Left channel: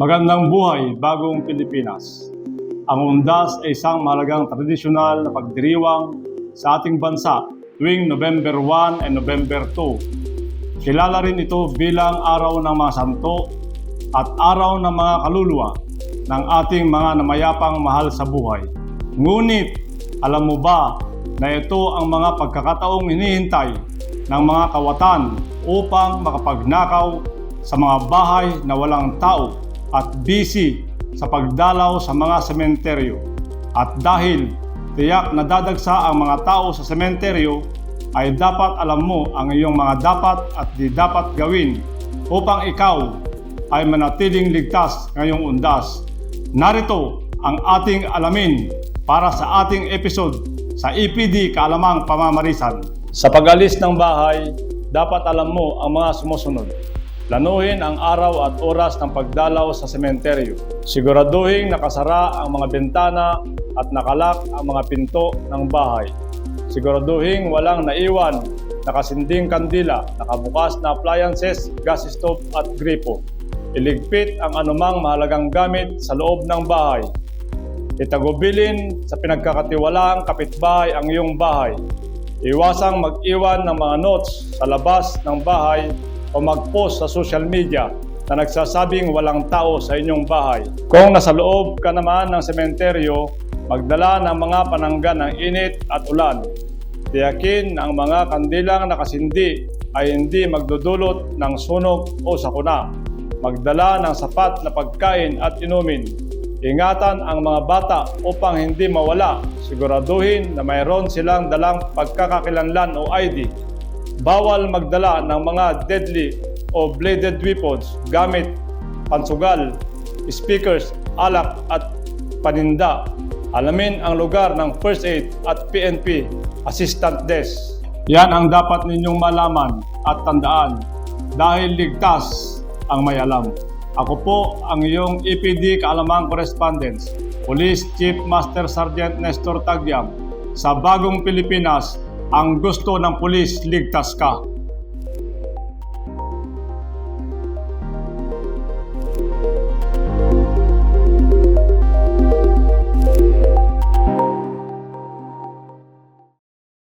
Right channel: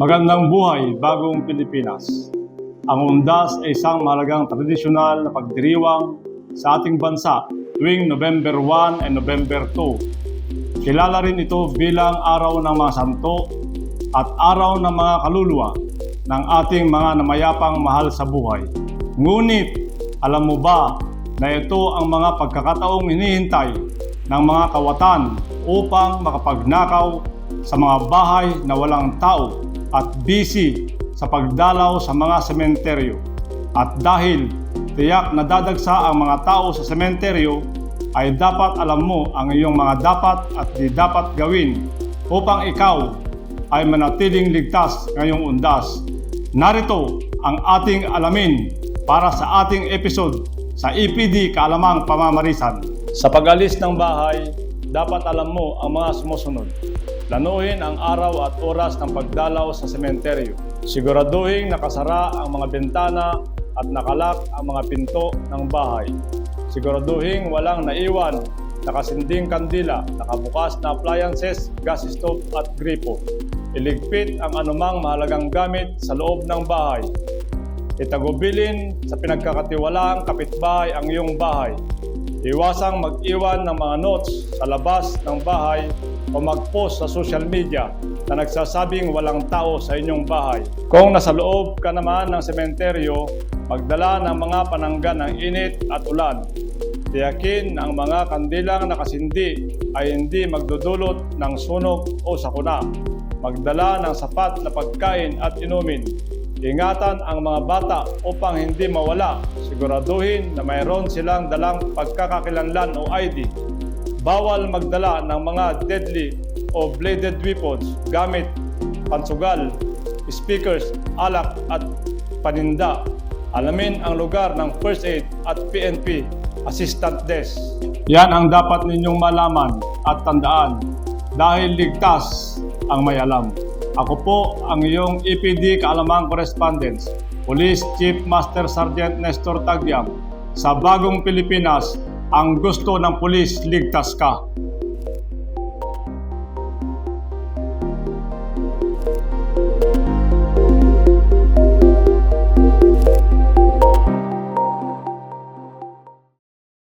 Magandang buhay, bagong Pilipinas. Ang undas ay isang mahalagang tradisyonal na pagdiriwang sa ating bansa tuwing November 1 and November 2. Kilala rin ito bilang araw ng mga santo at araw ng mga kaluluwa ng ating mga namayapang mahal sa buhay. Ngunit, alam mo ba na ito ang mga pagkakataong hinihintay ng mga kawatan upang makapagnakaw sa mga bahay na walang tao at busy sa pagdalaw sa mga sementeryo. At dahil tiyak na dadagsa ang mga tao sa sementeryo, ay dapat alam mo ang iyong mga dapat at di dapat gawin upang ikaw ay manatiling ligtas ngayong undas. Narito ang ating alamin para sa ating episode sa EPD Kaalamang Pamamarisan. Sa pag-alis ng bahay, dapat alam mo ang mga sumusunod. Planuhin ang araw at oras ng pagdalaw sa sementeryo. Siguraduhin nakasara ang mga bintana at nakalak ang mga pinto ng bahay. Siguraduhin walang naiwan, nakasinding kandila, nakabukas na appliances, gas stove at gripo. Iligpit ang anumang mahalagang gamit sa loob ng bahay. Itagubilin sa pinagkakatiwalaang kapitbahay ang iyong bahay. Iwasang mag-iwan ng mga notes sa labas ng bahay o mag-post sa social media na nagsasabing walang tao sa inyong bahay. Kung nasa loob ka naman ng sementeryo, magdala ng mga pananggan ng init at ulan. Tiyakin na ang mga kandilang nakasindi ay hindi magdudulot ng sunog o sakuna. Magdala ng sapat na pagkain at inumin. Ingatan ang mga bata upang hindi mawala. Siguraduhin na mayroon silang dalang pagkakakilanlan o ID. Bawal magdala ng mga deadly o bladed weapons gamit pansugal, speakers, alak at paninda. Alamin ang lugar ng first aid at PNP assistant desk. Yan ang dapat ninyong malaman at tandaan dahil ligtas ang may alam. Ako po ang iyong EPD Kaalamang Correspondence, Police Chief Master Sergeant Nestor Tagyam. Sa bagong Pilipinas, ang gusto ng pulis ligtas ka.